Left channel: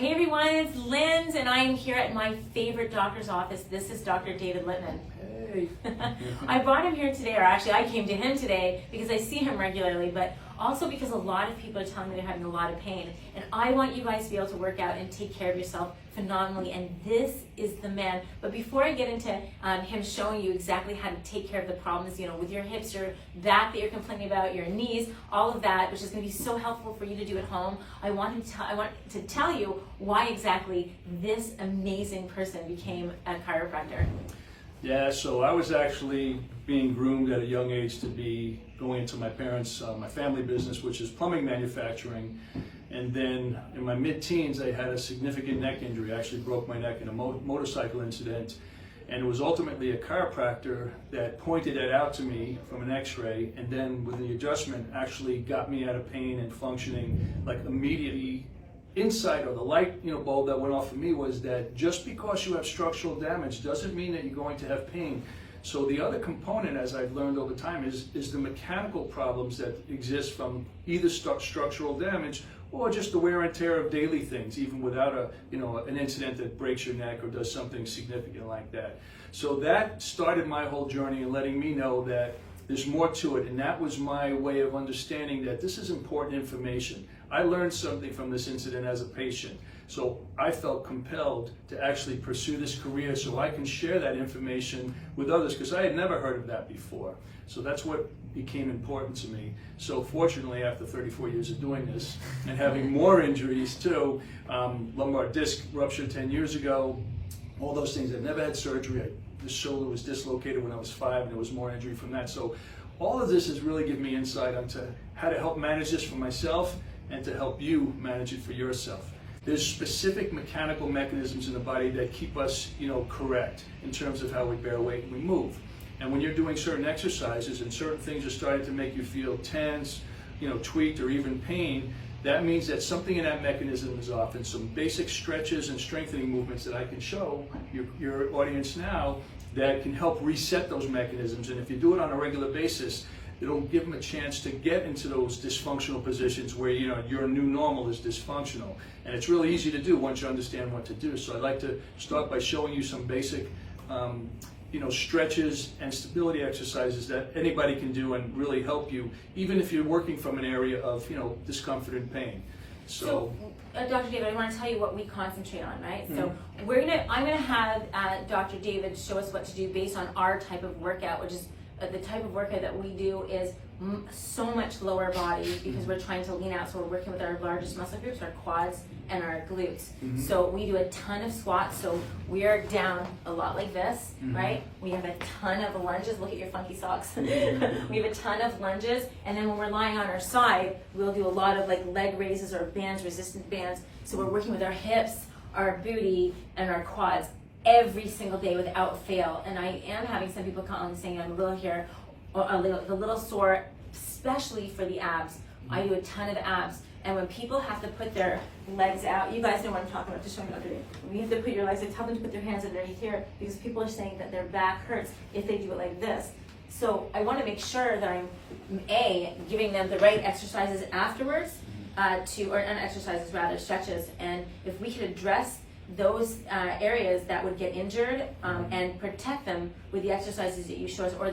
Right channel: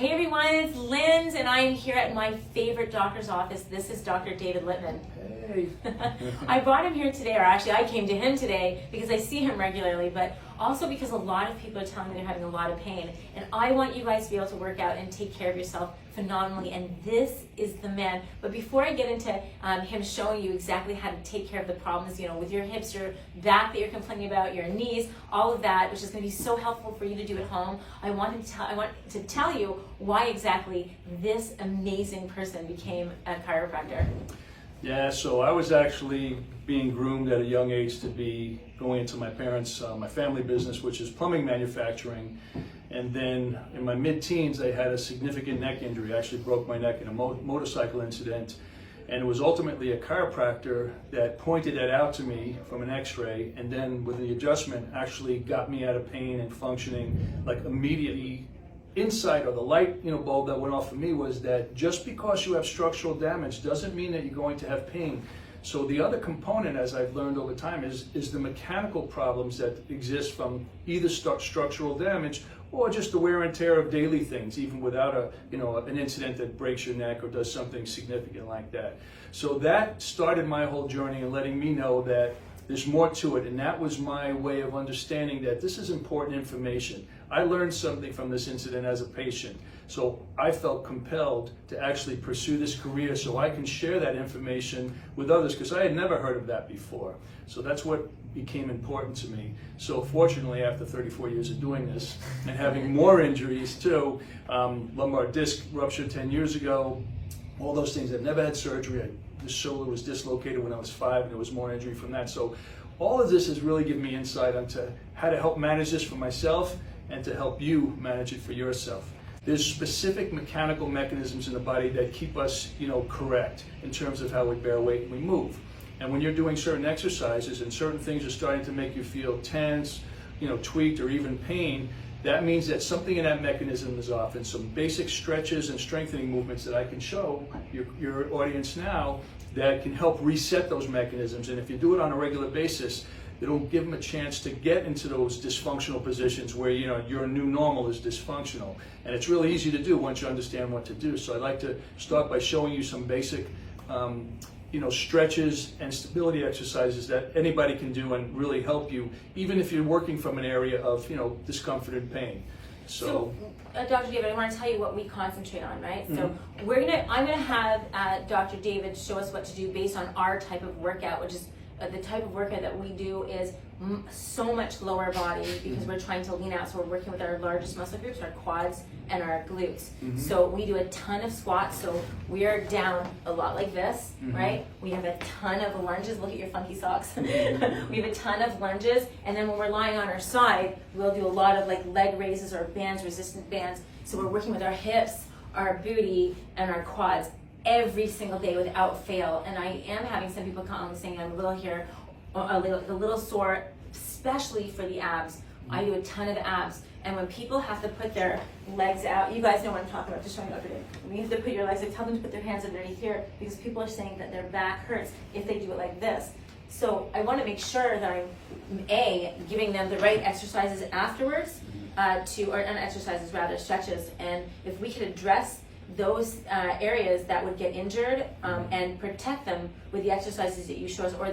Hey everyone, it's Linz, and I am here at my favorite doctor's office. This is Dr. David Littman. Hey. I brought him here today, or actually I came to him today because I see him regularly, but also because a lot of people are telling me they're having a lot of pain. And I want you guys to be able to work out and take care of yourself phenomenally, and this is the man. But before I get into him showing you exactly how to take care of the problems, you know, with your hips, your back that you're complaining about, your knees, all of that, which is going to be so helpful for you to do at home, I want to tell you why exactly this amazing person became a chiropractor. Yeah, so I was actually being groomed at a young age to be going into my parents' my family business, which is plumbing manufacturing. And then in my mid-teens, I had a significant neck injury. I actually broke my neck in a motorcycle incident. And it was ultimately a chiropractor that pointed that out to me from an x-ray, and then with the adjustment actually got me out of pain and functioning like immediately. Insight, or the light bulb that went off for me, was that just because you have structural damage doesn't mean that you're going to have pain. So the other component, as I've learned over time, is the mechanical problems that exist from either structural damage or just the wear and tear of daily things, even without an incident that breaks your neck or does something significant like that. So that started my whole journey in letting me know that there's more to it, and that was my way of understanding that this is important information. I learned something from this incident as a patient, so I felt compelled to actually pursue this career so I can share that information with others, because I had never heard of that before. So that's what became important to me. So fortunately, after 34 years of doing this and having more injuries too, lumbar disc ruptured 10 years ago, all those things, I never had surgery. This shoulder was dislocated when I was 5, and there was more injury from that. So all of this has really given me insight onto how to help manage this for myself and to help you manage it for yourself. There's specific mechanical mechanisms in the body that keep us, correct in terms of how we bear weight and we move. And when you're doing certain exercises and certain things are starting to make you feel tense, tweaked, or even pain, that means that something in that mechanism is off, and some basic stretches and strengthening movements that I can show your audience now that can help reset those mechanisms. And if you do it on a regular basis, it'll give them a chance to get into those dysfunctional positions where your new normal is dysfunctional. And it's really easy to do once you understand what to do. So I'd like to start by showing you some basic stretches and stability exercises that anybody can do and really help you, even if you're working from an area of discomfort and pain. So Dr. David, I want to tell you what we concentrate on, right? Mm-hmm. So I'm gonna have Dr. David show us what to do based on our type of workout, which is the type of workout that we do is so much lower body because we're trying to lean out. So we're working with our largest muscle groups, our quads and our glutes. Mm-hmm. So we do a ton of squats. So we are down a lot like this, mm-hmm. right? We have a ton of lunges. Look at your funky socks. We have a ton of lunges. And then when we're lying on our side, we'll do a lot of like leg raises or bands, resistant bands. So we're working with our hips, our booty, and our quads every single day without fail. And I am having some people come saying I'm a little here, or a little sore, especially for the abs. I do a ton of abs, and when people have to put their legs out, you guys know what I'm talking about, just showing you what to do. When you have to put your legs, I tell them to put their hands underneath here because people are saying that their back hurts if they do it like this. So I want to make sure that I'm giving them the right exercises afterwards, stretches, and if we could address those areas that would get injured and protect them with the exercises that you show us, or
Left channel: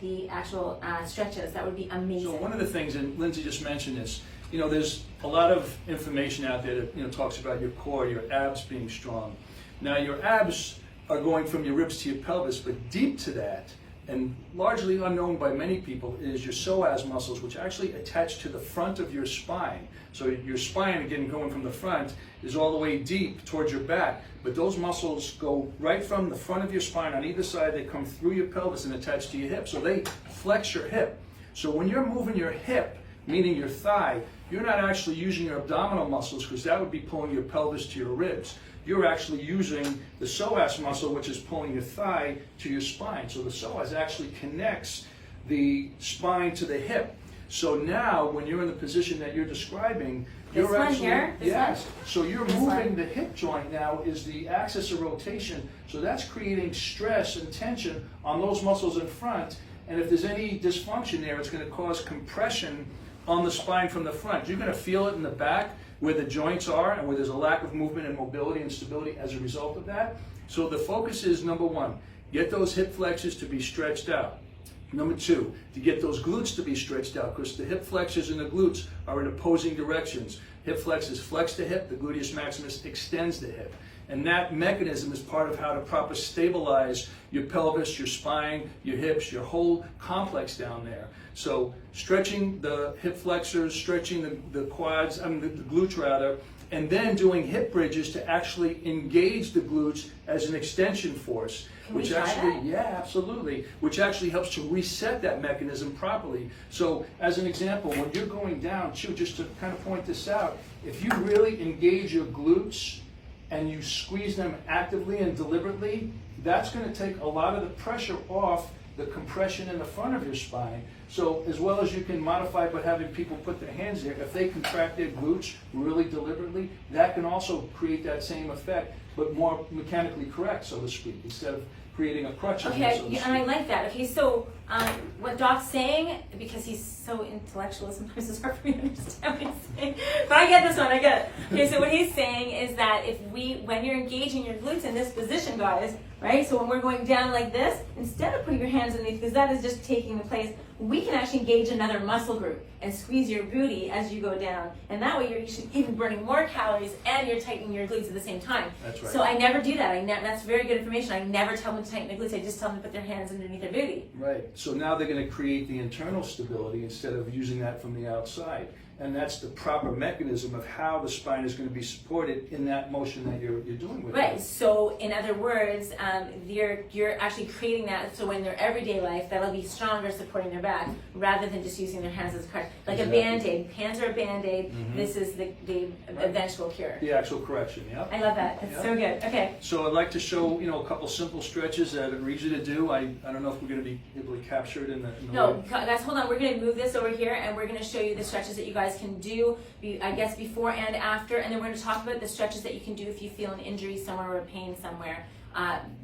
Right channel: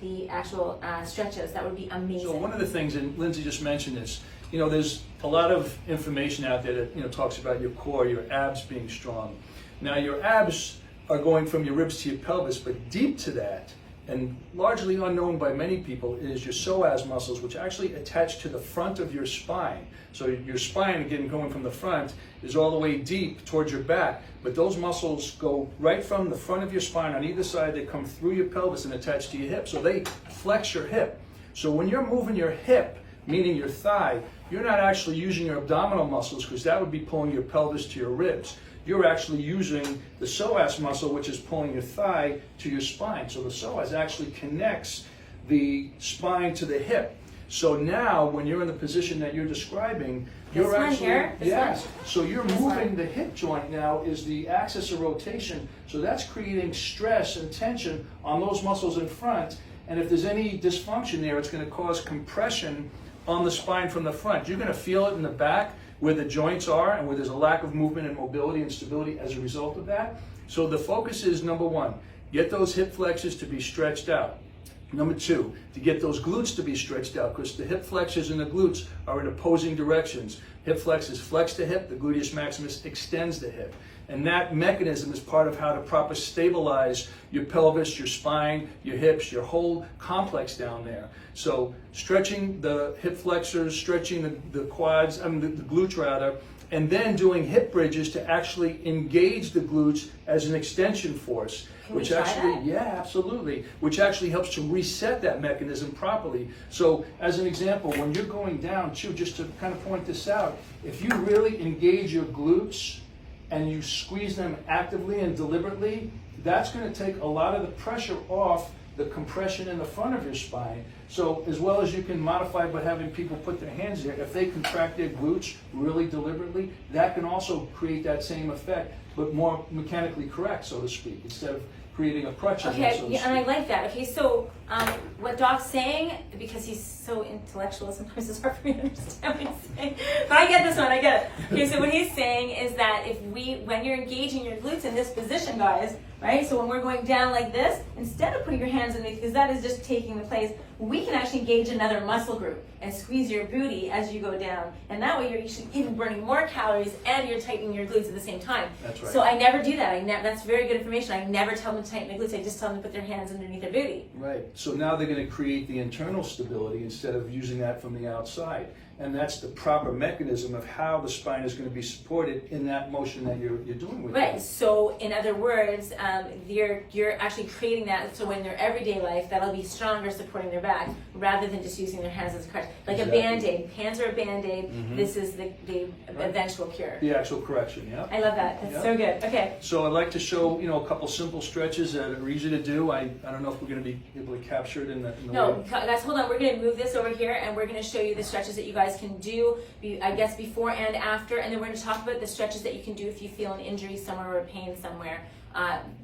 the actual stretches, that would be amazing. So one of the things, and Lindsay just mentioned this, there's a lot of information out there that talks about your core, your abs being strong. Now your abs are going from your ribs to your pelvis, but deep to that, and largely unknown by many people, is your psoas muscles, which actually attach to the front of your spine. So your spine, again, going from the front, is all the way deep towards your back. But those muscles go right from the front of your spine on either side. They come through your pelvis and attach to your hip. So they flex your hip. So when you're moving your hip, meaning your thigh, you're not actually using your abdominal muscles, because that would be pulling your pelvis to your ribs. You're actually using the psoas muscle, which is pulling your thigh to your spine. So the psoas actually connects the spine to the hip. So now, when you're in the position that you're describing, you're actually, so you're moving the hip joint now is the axis of rotation. So that's creating stress and tension on those muscles in front. And if there's any dysfunction there, it's going to cause compression on the spine from the front. You're going to feel it in the back, where the joints are and where there's a lack of movement and mobility and stability as a result of that. So the focus is, number one, get those hip flexors to be stretched out. Number two, to get those glutes to be stretched out, because the hip flexors and the glutes are in opposing directions. Hip flexors flex the hip, the gluteus maximus extends the hip. And that mechanism is part of how to properly stabilize your pelvis, your spine, your hips, your whole complex down there. So stretching the hip flexors, stretching the quads, the glutes rather, and then doing hip bridges to actually engage the glutes as an extension force. Can we try that? Yeah, absolutely. Which actually helps to reset that mechanism properly. So as an example, when you're going down too, just to kind of point this out, if you really engage your glutes and you squeeze them actively and deliberately, that's going to take a lot of the pressure off the compression in the front of your spine. So as well as you can modify by having people put their hands there, if they contract their glutes really deliberately, that can also create that same effect, but more mechanically correct, so to speak, instead of creating a crutch. Okay, yeah, and I like that. Okay, so what Doc's saying, because he's so intellectual, sometimes it's hard for me to understand what he's saying. But I get this one, I get it. Okay, so what he's saying is that when you're engaging your glutes in this position, guys, right? So when we're going down like this, instead of putting your hands underneath, because that is just taking the place, we can actually engage another muscle group and squeeze your booty as you go down. And that way you're actually even burning more calories and you're tightening your glutes at the same time. That's right. So I never do that. That's very good information. I never tell them to tighten the glutes. I just tell them to put their hands underneath their booty. Right. So now they're going to create the internal stability instead of using that from the outside. And that's the proper mechanism of how the spine is going to be supported in that motion that you're doing with it. Right. So in other words, you're actually creating that so in their everyday life that'll be stronger supporting their back rather than just using their hands as a crutch. Like exactly. A Band-Aid. Hands are a Band-Aid. Mm-hmm. This is the eventual cure. The actual correction, yeah. I love that. It's so good. Okay. So I'd like to show, a couple simple stretches that are easy to do. I don't know if we're going to be able to capture it in the No, guys, hold on. We're going to move this over here and we're going to show you the stretches that you guys can do, I guess, before and after, and then we're going to talk about the stretches that you can do if you feel an injury somewhere or a pain somewhere,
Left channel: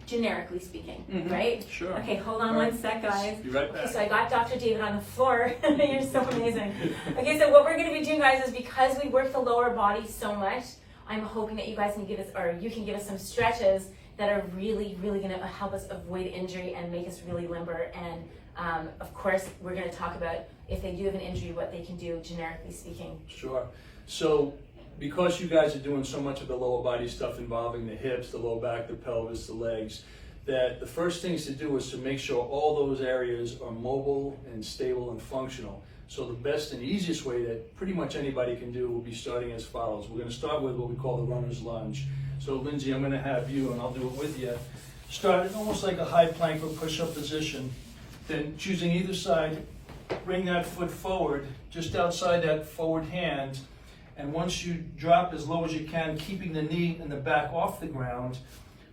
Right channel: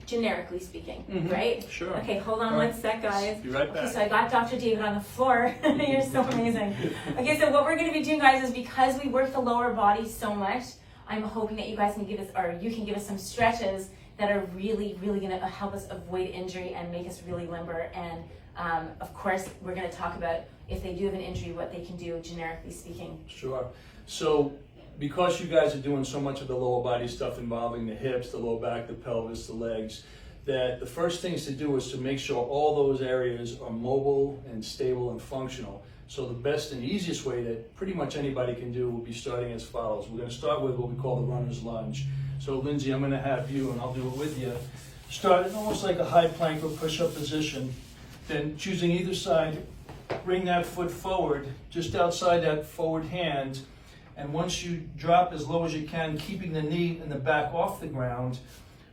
generically speaking, right? Sure. Okay, hold on one sec, guys. Be right back. Okay, so I got Dr. David on the floor. You're so amazing. Okay, so what we're going to be doing, guys, is because we work the lower body so much, I'm hoping that you guys can give us, or you can give us some stretches that are really, really going to help us avoid injury and make us really limber. And of course, we're going to talk about if they do have an injury, what they can do, generically speaking. Sure. So because you guys are doing so much of the lower body stuff involving the hips, the low back, the pelvis, the legs, that the first things to do is to make sure all those areas are mobile and stable and functional. So the best and easiest way that pretty much anybody can do will be starting as follows. We're going to start with what we call the runner's lunge. So Lindsay, I'm going to have you, and I'll do it with you, start almost like a high plank or push-up position. Then choosing either side, bring that foot forward, just outside that forward hand, and once you drop as low as you can, keeping the knee and the back off the ground,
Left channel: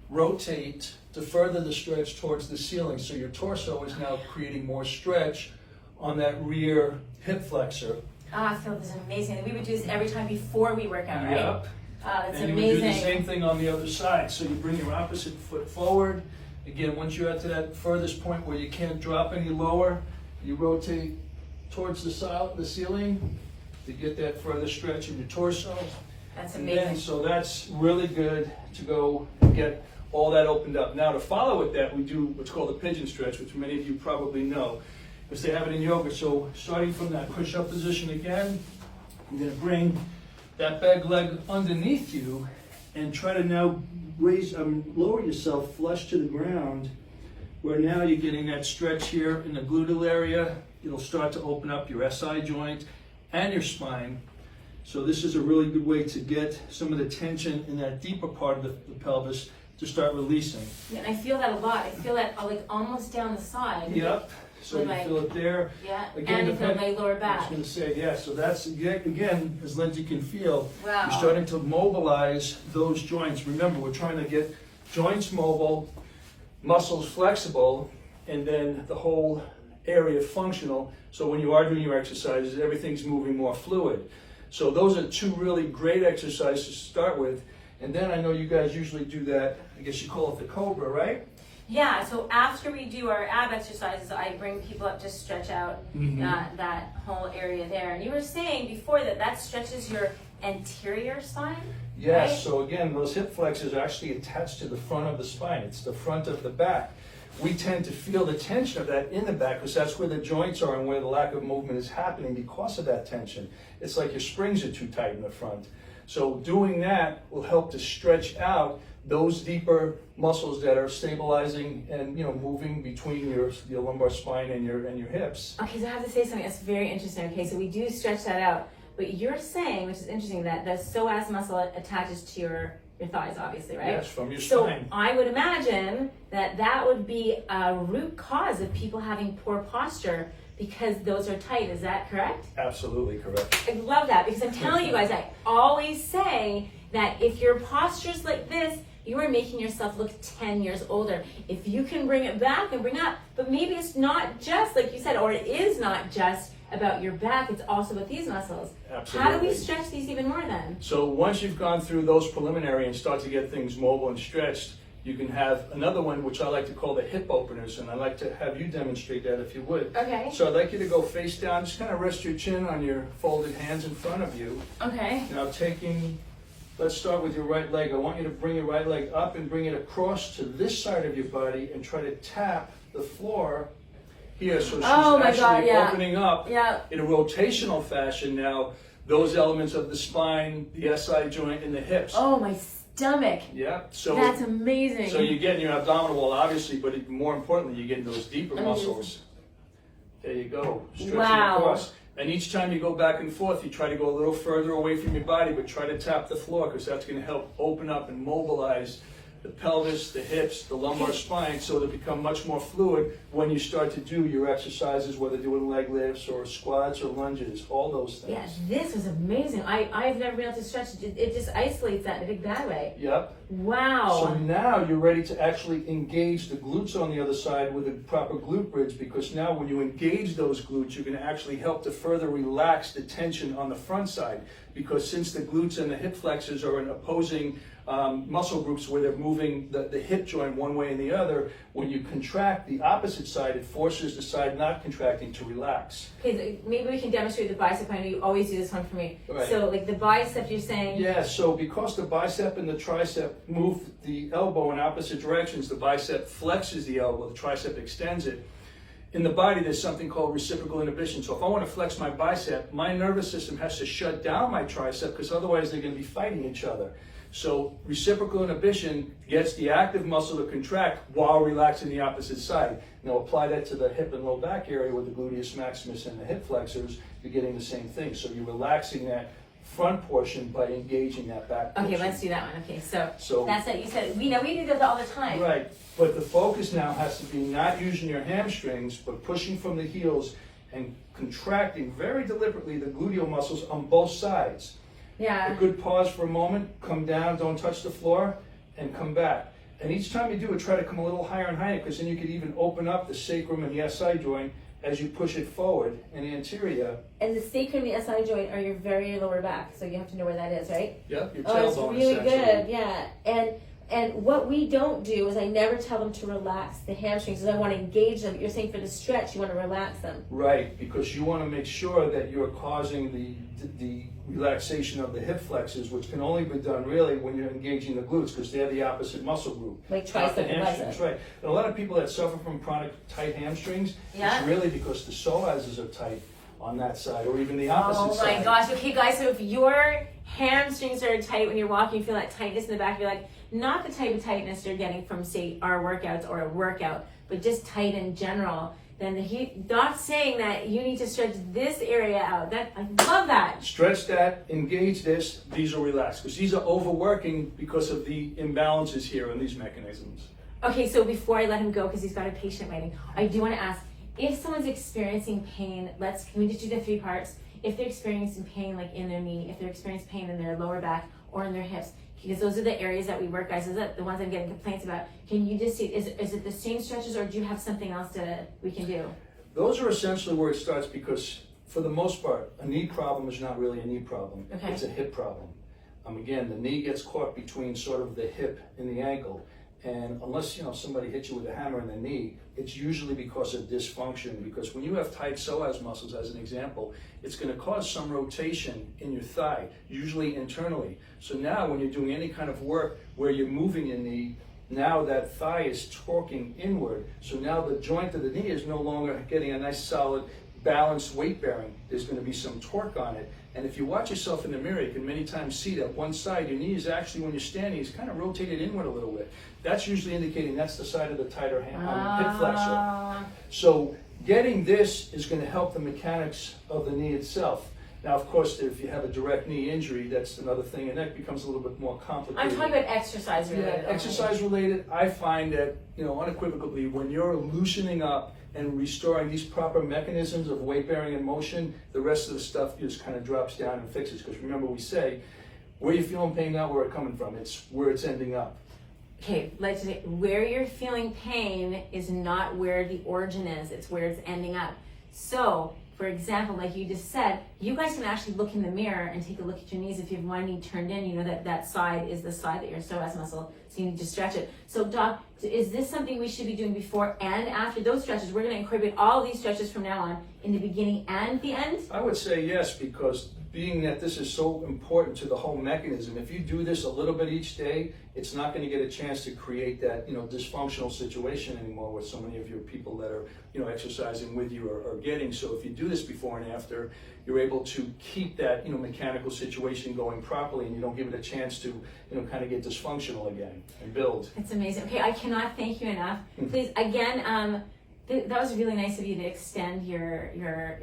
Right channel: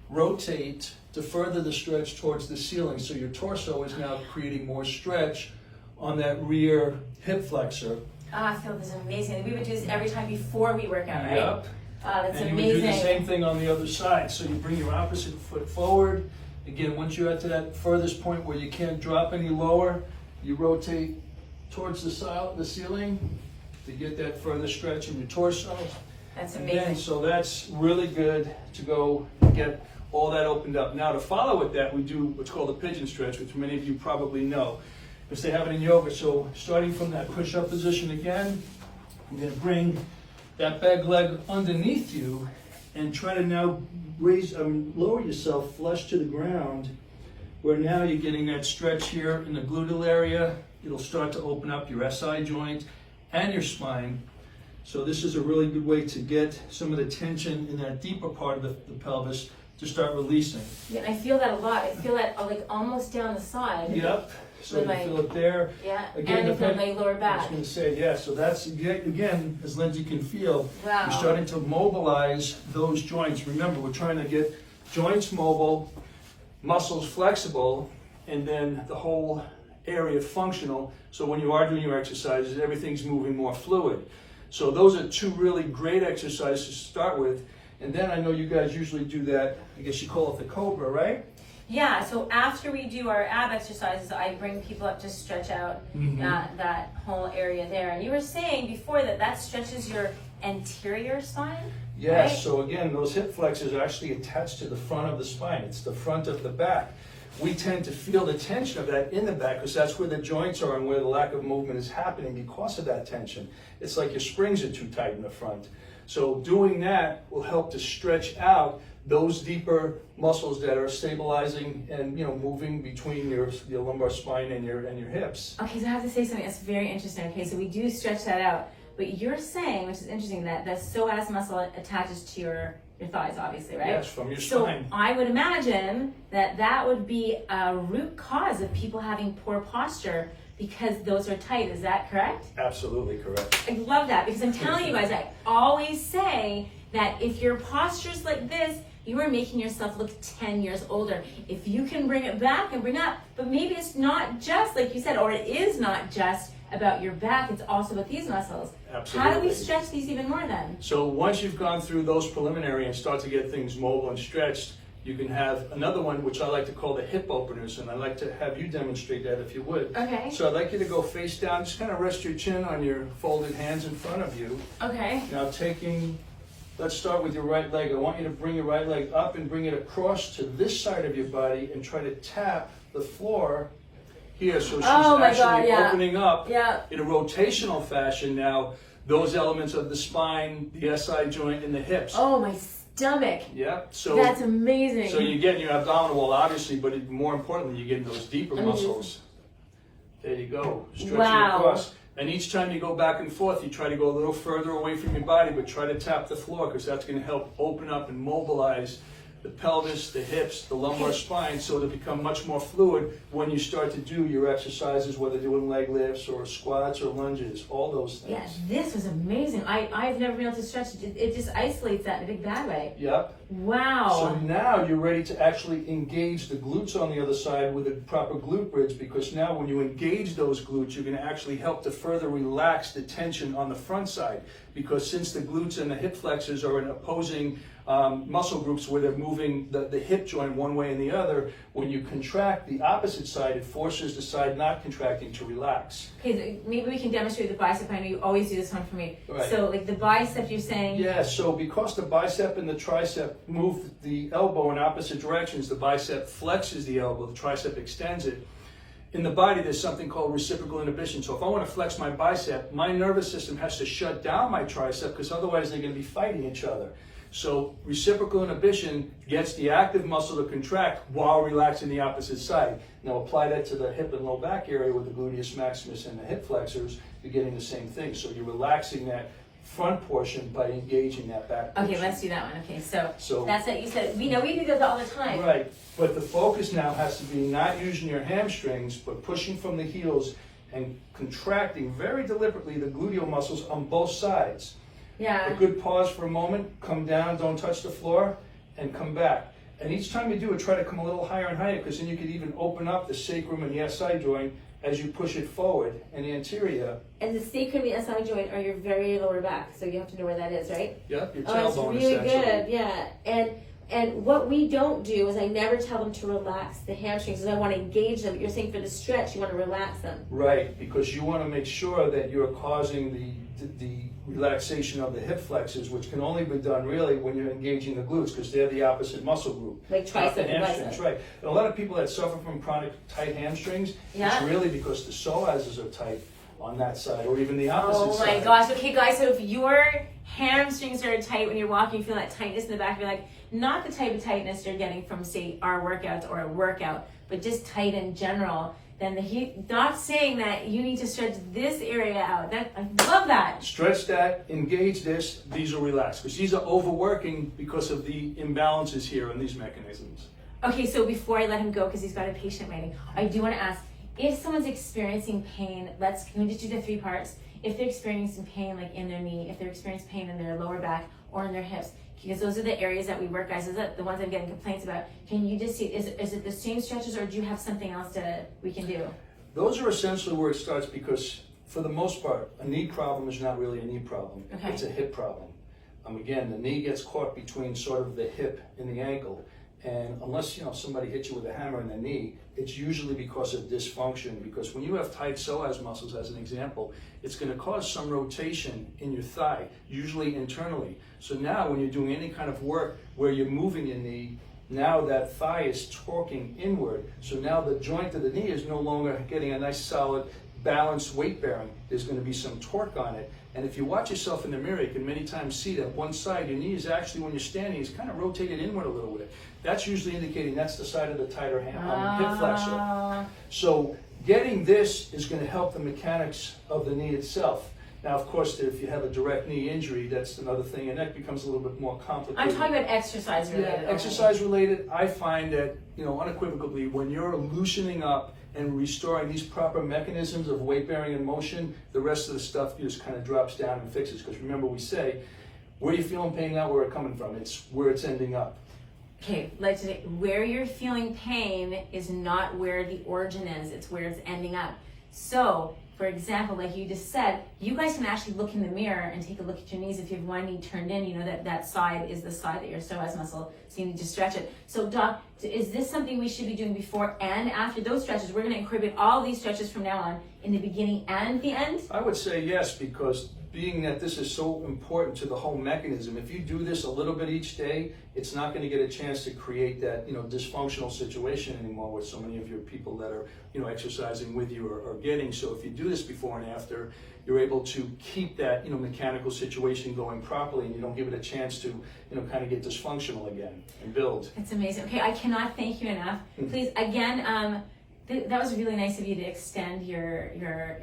rotate to further the stretch towards the ceiling. So your torso is now creating more stretch on that rear hip flexor. I feel this is amazing. We would do this every time before we work out, right? Yep. That's and amazing. You would do the same thing on the other side. So you bring your opposite foot forward. Again, once you're at to that furthest point where you can't drop any lower, you rotate towards the ceiling to get that further stretch in your torso. That's amazing. And so that's really good to go get all that opened up. Now to follow with that, we do what's called a pigeon stretch, which many of you probably know, because they have it in yoga. So starting from that push-up position again, I'm going to bring that back leg underneath you and try to now lower yourself flush to the ground, where now you're getting that stretch here in the gluteal area. It'll start to open up your SI joint and your spine. So this is a really good way to get some of the tension in that deeper part of the pelvis to start releasing. Yeah, I feel that a lot. I feel that like almost down the side. Yep. So you feel it there. Yeah, again, and I feel my lower back. I was going to say, yeah, so that's, again, as Lindsay can feel, wow. You're starting to mobilize those joints. Remember, we're trying to get joints mobile, muscles flexible, and then the whole area functional. So when you are doing your exercises, everything's moving more fluid. So those are two really great exercises to start with. And then I know you guys usually do that, I guess you call it the cobra, right? Yeah, so after we do our ab exercises, I bring people up to stretch out that whole area there. And you were saying before that stretches your anterior spine? Yes, right? so again, those hip flexors are actually attached to the front of the spine. It's the front of the back. We tend to feel the tension of that in the back because that's where the joints are and where the lack of movement is happening because of that tension. It's like your springs are too tight in the front. So doing that will help to stretch out those deeper muscles that are stabilizing and moving between your lumbar spine and your hips. Okay, so I have to say something that's very interesting. Okay, so we do stretch that out, but you're saying, which is interesting, that the psoas muscle attaches to your thighs, obviously, right? Yes, from your So spine. I would imagine that would be a root cause of people having poor posture because those are tight. Is that correct? Absolutely correct. I love that because I'm telling you guys, I always say that if your posture's like this, you are making yourself look 10 years older. If you can bring it back and bring up, but maybe it's not just, like you said, or it is not just about your back, it's also about these muscles. Absolutely. How do we stretch these even more then? So once you've gone through those preliminary and start to get things mobile and stretched, you can have another one, which I like to call the hip openers, and I'd like to have you demonstrate that if you would. Okay. So I'd like you to go face down, just kind of rest your chin on your folded hands in front of you. Okay. Now let's start with your right leg. I want you to bring your right leg up and bring it across to this side of your body and try to tap the floor here. So she's actually opening up in a rotational fashion now those elements of the spine, the SI joint, and the hips. Oh, my stomach. Yeah. So that's amazing. So you're getting your abdominal wall, obviously, but even more importantly, you're getting those deeper muscles. There you go. Stretching across. And each time you go back and forth, you try to go a little further away from your body, but try to tap the floor because that's going to help open up and mobilize the pelvis, the hips, the lumbar spine, so it'll become much more fluid when you start to do your exercises, whether doing leg lifts or squats or lunges, all those things. Yeah, this was amazing. I've never been able to stretch it. It just isolates that in a big bad way. Yep. Wow. So now you're ready to actually engage the glutes on the other side with a proper glute bridge, because now when you engage those glutes, you're going to actually help to further relax the tension on the front side, because since the glutes and the hip flexors are in opposing muscle groups where they're moving the hip joint one way and the other, when you contract the opposite side, it forces the side not contracting to relax. Okay, so maybe we can demonstrate the bicep. I know you always do this one for me. Right. So like the bicep, you're saying? Yeah, so because the bicep and the tricep move the elbow in opposite directions, the bicep flexes the elbow, the tricep extends it. In the body, there's something called reciprocal inhibition. So if I want to flex my bicep, my nervous system has to shut down my tricep, because otherwise they're going to be fighting each other. So reciprocal inhibition gets the active muscle to contract while relaxing the opposite side. Now apply that to the hip and low back area with the gluteus maximus and the hip flexors, you're getting the same thing. So you're relaxing that front portion by engaging that back portion. Okay, let's do that one. Okay, so that's it. You said, we do this all the time. Right, but the focus now has to be not using your hamstrings, but pushing from the heels and contracting very deliberately the gluteal muscles on both sides. Yeah. A good pause for a moment, come down, don't touch the floor, and come back. And each time you do it, try to come a little higher and higher, because then you can even open up the sacrum and the SI joint as you push it forward and anterior. And the sacrum and the SI joint are your very lower back, so you have to know where that is, right? Yep, your tailbone. tailbone. It's really good, yeah. And what we don't do is I never tell them to relax the hamstrings, because I want to engage them. You're saying for the stretch, you want to relax them. Right, because you want to make sure that you're causing the relaxation of the hip flexors, which can only be done really when you're engaging the glutes, because they're the opposite muscle group. Like tricep and hamstrings, right. And a lot of people that suffer from chronic tight hamstrings, it's really because the psoases are tight on that side, or even the opposite side. Oh my gosh. Okay, guys, so if your hamstrings are tight when you're walking, you feel that tightness in the back, you're like, not the type of tightness you're getting from, say, our workouts or a workout, but just tight in general, then not saying that you need to stretch this area out. I love that. Stretch that, engage this, these are relaxed, because these are overworking because of the imbalances here in these mechanisms. Okay, so before I let him go, because he's got a patient waiting, I do want to ask, if someone's experiencing pain, can we just do the 3 parts? If they're experiencing pain like in their knee, if they're experiencing pain in their lower back or in their hips, because those are the areas that we work, guys. Is that the ones I'm getting complaints about? Can you just see, is it the same stretches, or do you have something else we can do? Those are essentially where it starts, because for the most part, a knee problem is not really a knee problem. Okay. It's a hip problem. Again, the knee gets caught between sort of the hip and the ankle. And unless somebody hits you with a hammer in the knee, it's usually because of dysfunction. Because when you have tight psoas muscles, as an example, it's going to cause some rotation in your thigh, usually internally. So now when you're doing any kind of work where you're moving your knee, now that thigh is torquing inward. So now the joint of the knee is no longer getting a nice solid balanced weight bearing. There's going to be some torque on it. And if you watch yourself in the mirror, you can many times see that one side, your knee is actually, when you're standing, is kind of rotated inward a little bit. That's usually indicating that's the side of the tighter hand on the hip flexor. So getting this is going to help the mechanics of the knee itself. Now, of course, if you have a direct knee injury, that's another thing, and that becomes a little bit more complicated. I'm talking about exercise related. Yeah, exercise related. I find that, unequivocally, when you're loosening up and restoring these proper mechanisms of weight bearing and motion, the rest of the stuff just kind of drops down and fixes. Because remember, we say, where you feeling pain now, where it's coming from. It's where it's ending up. Okay, let's say where you're feeling pain is not where the origin is, it's where it's ending up. So, for example, like you just said, you guys can actually look in the mirror and take a look at your knees. If you have one knee turned in, you know that side is the side that your psoas muscle, so you need to stretch it. So, Doc, is this something we should be doing before and after those stretches? We're going to incorporate all these stretches from now on in the beginning and the end? I would say yes, because being that this is so important to the whole mechanism, if you do this a little bit each day, it's not going to get a chance to create that dysfunctional situation anymore with so many of your people that are exercising with you are getting. So if you do this before and after, you're able to keep that that situation going properly, and you don't give it a chance to kind of get dysfunctional again and build. It's amazing. Okay, I cannot thank you enough. Please, again, that was really nice of you to extend your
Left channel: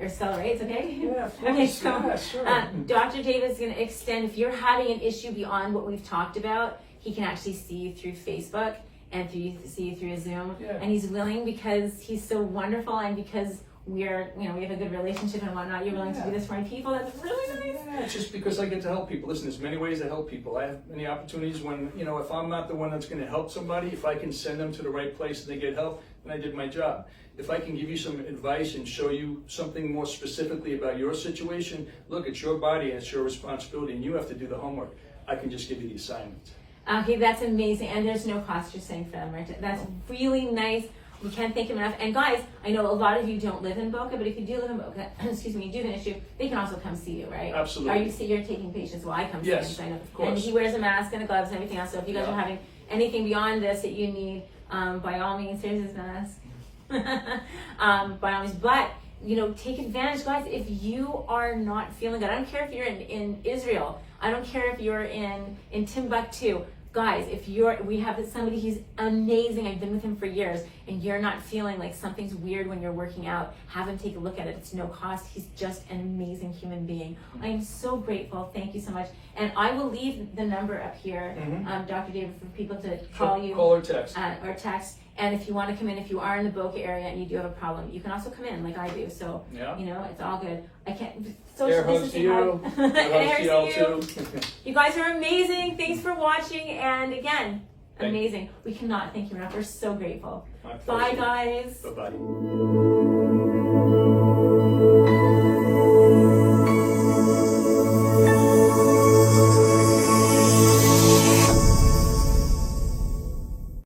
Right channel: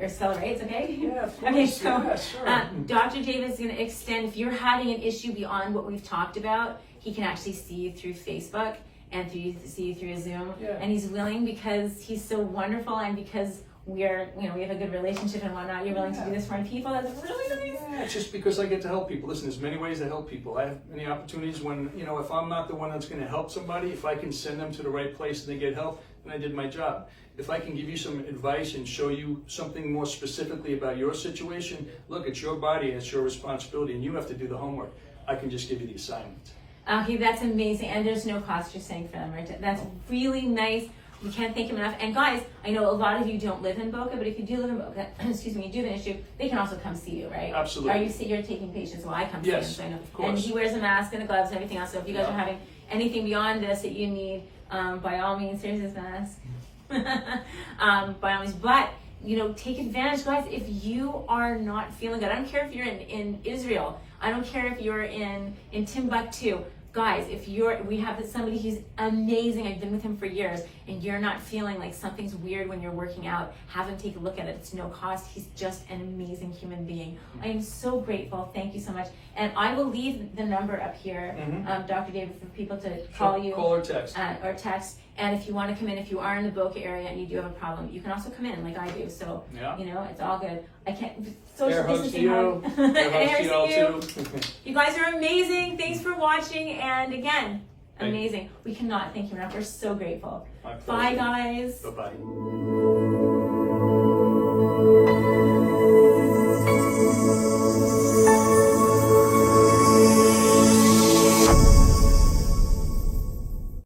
accelerates, okay? Yeah, of course. Okay, so yeah, sure. Dr. David's going to extend. If you're having an issue beyond what we've talked about, he can actually see you through Facebook and see you through Zoom. Yeah. And he's willing because he's so wonderful, and because we have a good relationship and whatnot. You're willing to do this for my people. That's really nice. Yeah, it's just because I get to help people. Listen, there's many ways to help people. I have many opportunities when, if I'm not the one that's going to help somebody, if I can send them to the right place and they get help, then I did my job. If I can give you some advice and show you something more specifically about your situation, look, it's your body and it's your responsibility, and you have to do the homework. I can just give you the assignment. Okay, that's amazing. And there's no cost you're saying for them, right? That's really nice. We can't thank him enough. And guys, I know a lot of you don't live in Boca, but if you do live in Boca, excuse me, you do have an issue, they can also come see you, right? Absolutely. You're taking patients? Well, I come see him, so I know. Of course. And he wears a mask and the gloves and everything else. So if you guys are having anything beyond this that you need, by all means, here's his mask. By all means, but take advantage, guys. If you are not feeling good, I don't care if you're in Israel, I don't care if you're in Timbuktu. Guys, we have somebody who's amazing, I've been with him for years, and you're not feeling like something's weird when you're working out, have him take a look at it. It's no cost. He's just an amazing human being. I am so grateful. Thank you so much. And I will leave the number up here, Dr. David, for people to call you. Call or text. Or text. And if you want to come in, if you are in the Boca area and you do have a problem, you can also come in like I do. So, it's all good. I can't, social distancing hard. You guys are amazing. Thanks for watching. And again, amazing. We cannot thank you enough. We're so grateful. Bye, guys. Bye-bye.